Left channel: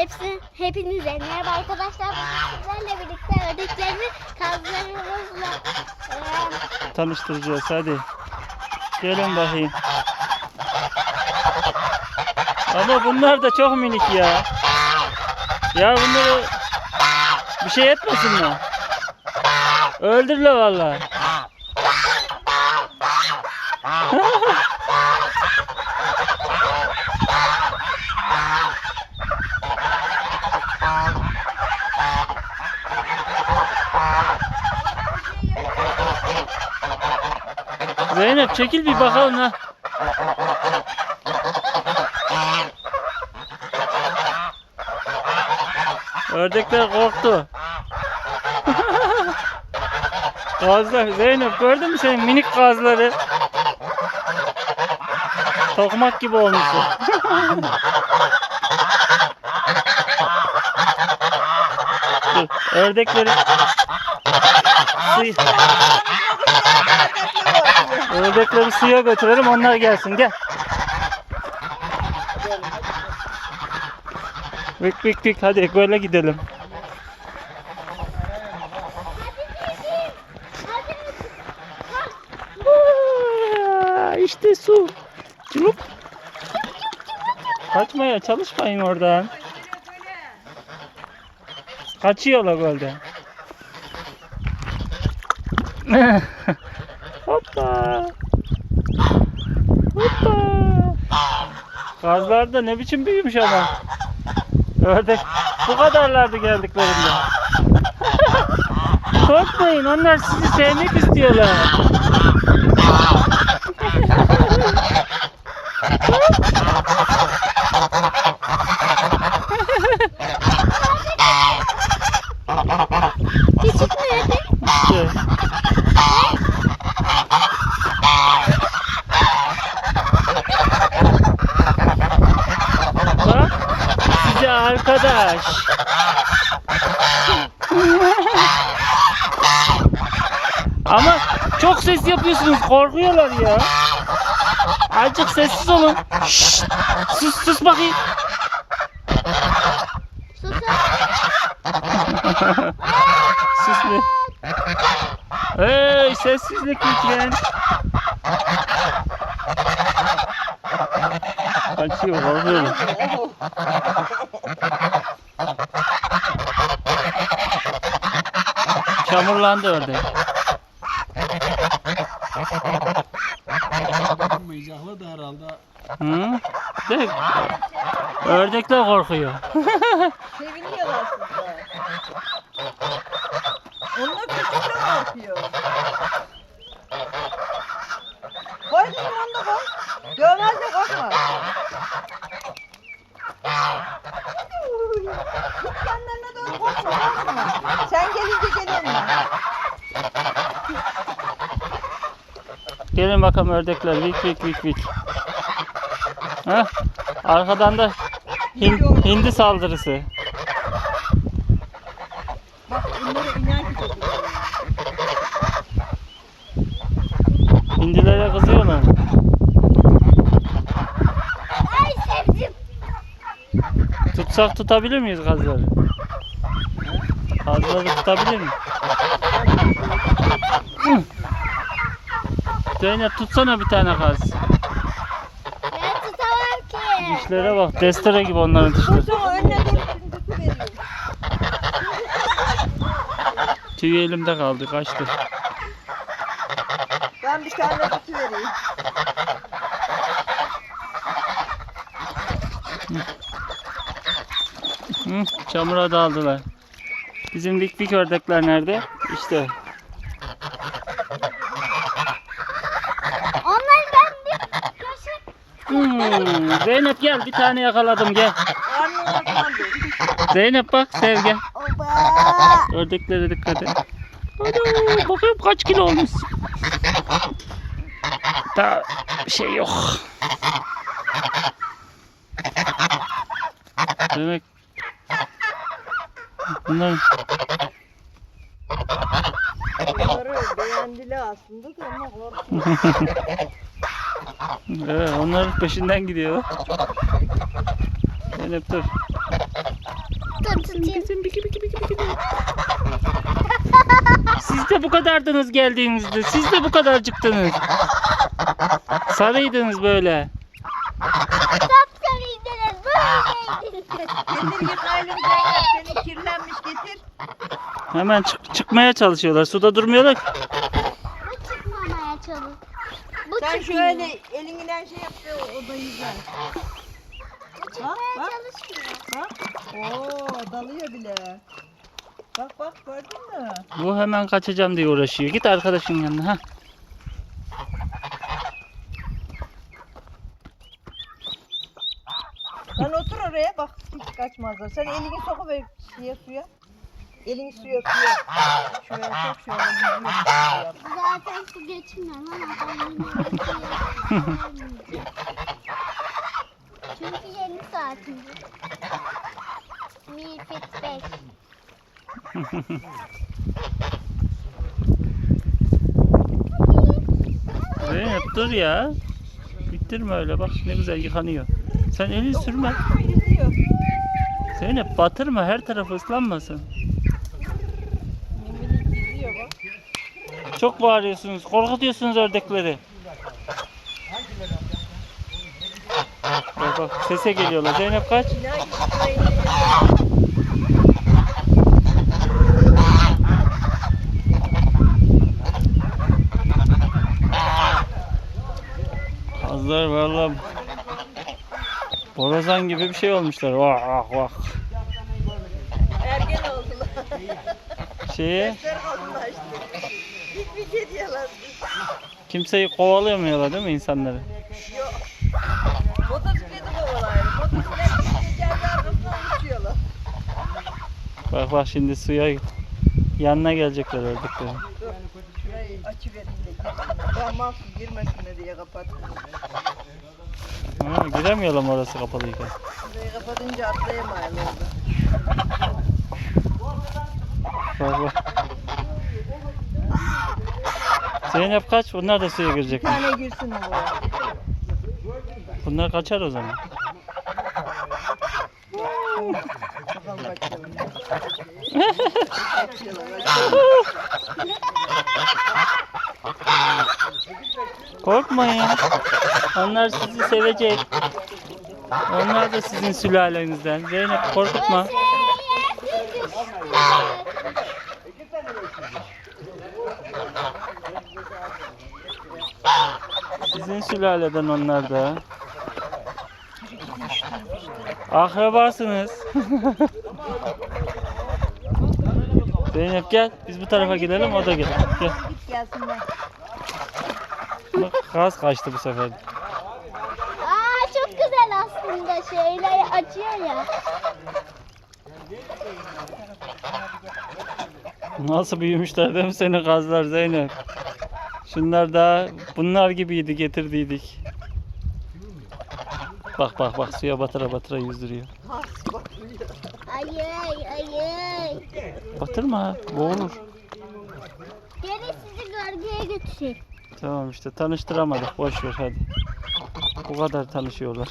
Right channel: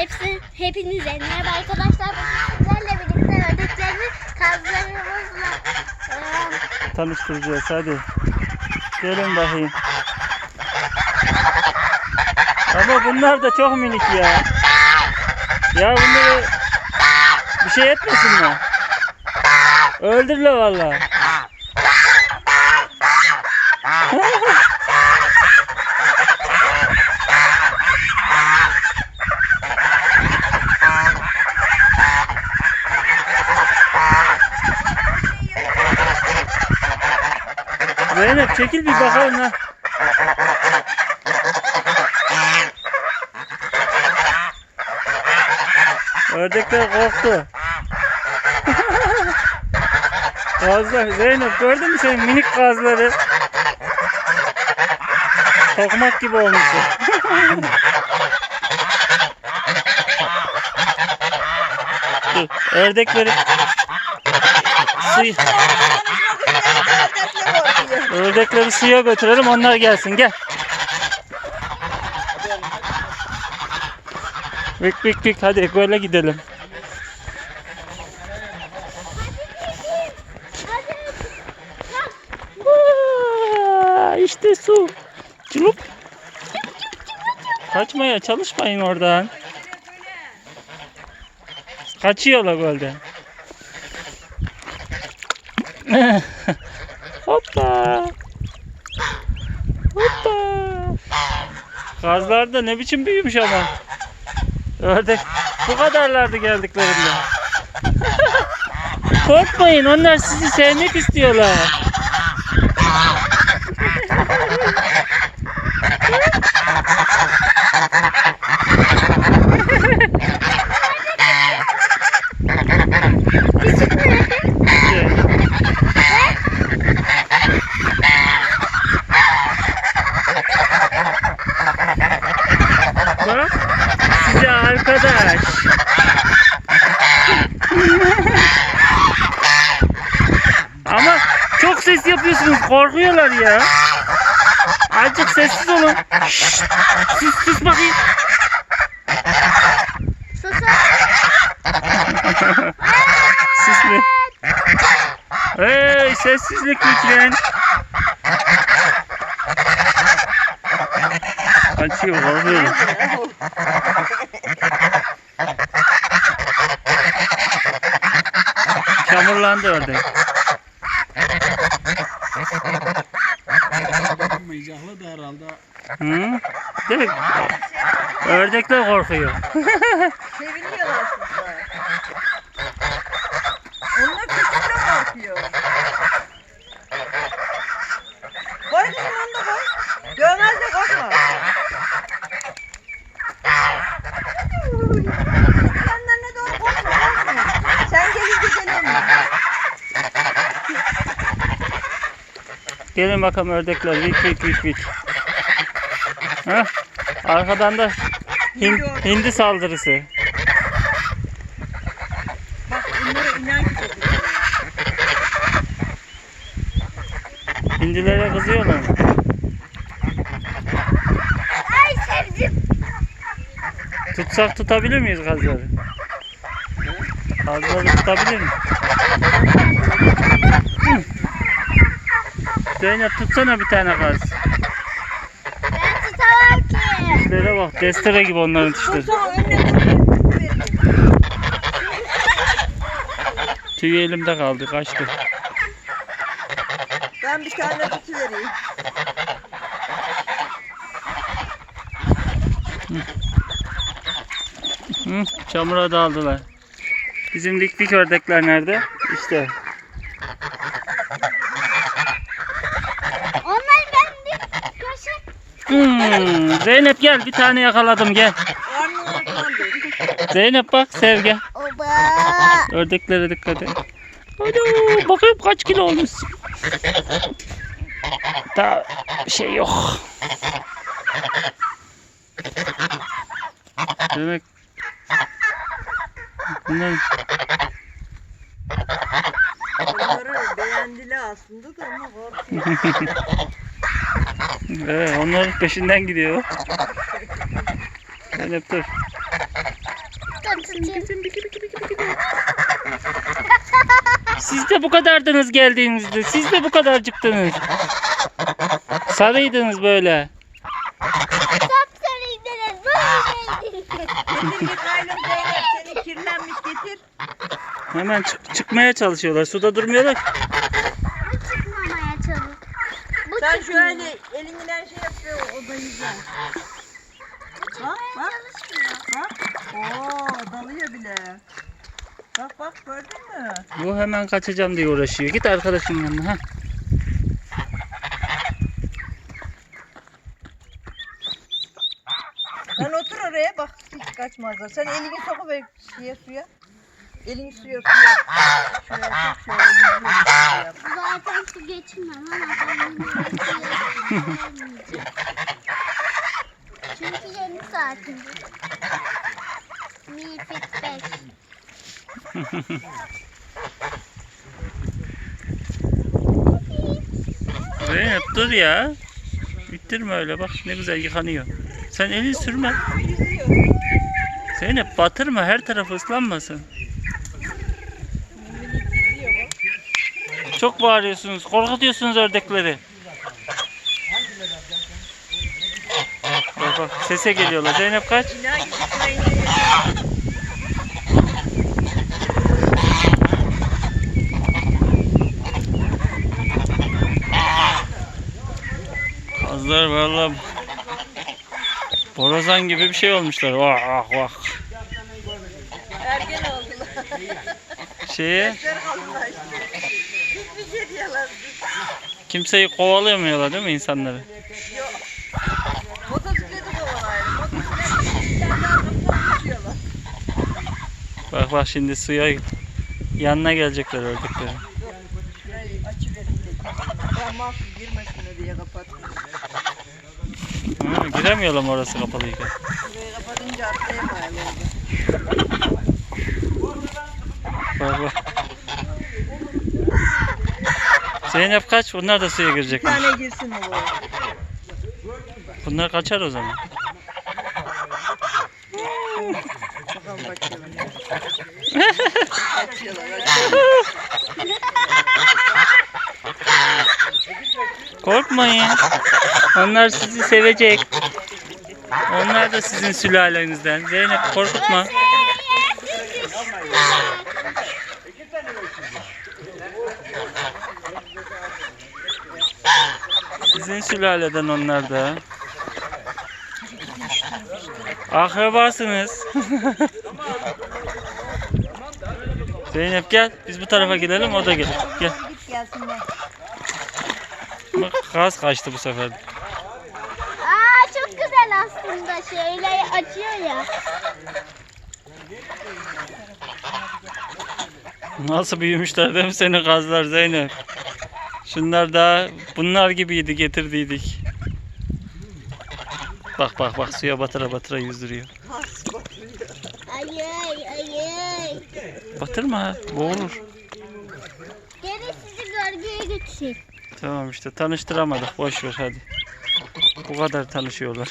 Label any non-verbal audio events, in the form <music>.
Hepsi, hepinize merhaba arkadaşlar. Sizlerle birlikte ördeklerimi kazlarımızla eee, Tanıştıracağız hadi. Gelin bakayım. Ama bunlar da çok minik ya. Ya bunları bir şey etmesinler. Öldürle valla. <laughs> Zeynep çekil bir bakalım ha. Ördekler korktu. <laughs> Gazlar. Zeynep gördün mü senin minik gazları? Tokmak gibi olmuşsun. <laughs> Dur, ördekleri suyu, ördekleri suya götürelim onlar gelsin gel. Vik vik vik hadi böyle gidelim. Aa, İşte su. Çulup. Kaçmaya çalışmayın oradan. Kaçıyorlar gölden. Hoppa. Hoppa. Kazlar da ne biçim büyümüş ama. Ördek bu kadarlardı geldiklerinde. Korkmayın onlar sizi sevmek istiyorlar. küçük mü? İşte. Bak size arkadaş. Ama çok ses yapıyorsunuz korkuyorlar ya. Azıcık sessiz olun. Şşt, sus sus bakayım. Susun. Sus be. Hey sessizlik lütfen. Kaçıyor korkuyor. Çamurlandı ördek. Meyzahlı da herhalde. Hı? De, ördekler korkuyor. Seviniyorlar sizler. Onlar küçükle korkuyor. Gelin bakalım ördekler. Vik vik vik vik. Ha? Arkadan da hin- hindi saldırısı. Hindilere kızıyorlar. Ay sevdim. Tutsak tutabilir miyiz kazları? Kazları tutabilir miyiz? <laughs> Zeynep tutsana bir tane kaz. Ben tutamam ki. Dişlere bak. Destere gibi onların dişleri. Sonra önüne dur. vereyim. Tüy elimde kaldı. Kaçtı. Ben bir tane kutu vereyim. Hı, çamura daldılar. Bizim dik dik ördekler nerede? İşte. Onları ben bir kaşık Hmm, Zeynep gel bir tane yakaladım gel. Zeynep bak sev gel. Oba. Ördeklere dikkat et. Hadi bakayım kaç kilo olmuş. Daha şey yok. Demek bunlar Bunları beğendiler aslında da ama korkuyor. <laughs> evet, onların peşinden gidiyor. Zeynep dur. Dur tutayım. Siz de bu kadardınız geldiğinizde. Siz de bu kadar çıktınız. Sarıydınız böyle. Sapsarıydınız. Böyleydiniz. Seni kirlenmiş getir. Hemen çık- çıkmaya çalışıyorlar. Suda durmuyorlar. ki. Bu çıkmamaya çalış. Sen çıkmıyor. şöyle elinden şey yap da o da. Bak bak Çalışmıyor. bak. Oo dalıyor bile. Bak bak gördün mü? Bu hemen kaçacağım diye uğraşıyor. Git arkadaşın yanına. Ha. Lan otur oraya bak hiç kaçmazlar. Sen elini sokuver şeye suya. Elini suya suya. Şöyle yüzüyor. Şöyle yap. Zaten su geçmem ama ben yine de su yapmayacağım. Çünkü yeni saatimdir. Mi fit 5. Zeynep dur ya. Bittirme öyle bak ne güzel yıkanıyor. Sen elini sürme. Zeynep batırma her tarafı ıslanmasın. Yüzüyor bak. Çok bağırıyorsunuz. Korkutuyorsunuz ördekleri. Bak bak sese geliyorlar. Zeynep kaç. Kazlar valla borazan gibi bir şey olmuşlar. Vah vah vah. Ergen oldular. Şeye Şey diyorlar. kimseyi kovalayamıyorlar değil mi insanları? Motosikleti kovalar. Motosiklet yerden arkasından düşüyorlar. Bak bak şimdi suya yanına gelecekler ördeklerin. Şurayı açıverin dedim. Ben mahsus girmesin diye kapattım. Ha, giremiyorlar mı orası kapalıyken? Şurayı kapatınca atlayamayalım. Bak bak. Zeynep kaç? Bunlar da suya Bir girecekler. tane girsin mi buraya? Bunlar kaçar o zaman. <laughs> Korkmayın. Onlar sizi sevecek. Onlar da sizin sülalenizden. Zeynep korkutma. Sizin sülaleden onlar da. Akrabasınız. <laughs> Zeynep gel. Biz bu tarafa gidelim o da. Gel. Gelsinler. Bak gaz kaçtı bu sefer. Aa çok güzel aslında. Şöyle açıyor ya. Nasıl büyümüşler değil mi senin gazlar Zeynep? Şunlar da bunlar gibiydi getirdiydik. Bak bak bak suya batıra batıra yüzdürüyor. Ayy ayy. Batırma boğulur. Gene sizi bölgeye götüreyim. Tamam işte tanıştıramadık boş ver hadi. Bu kadar tanışıyorlar.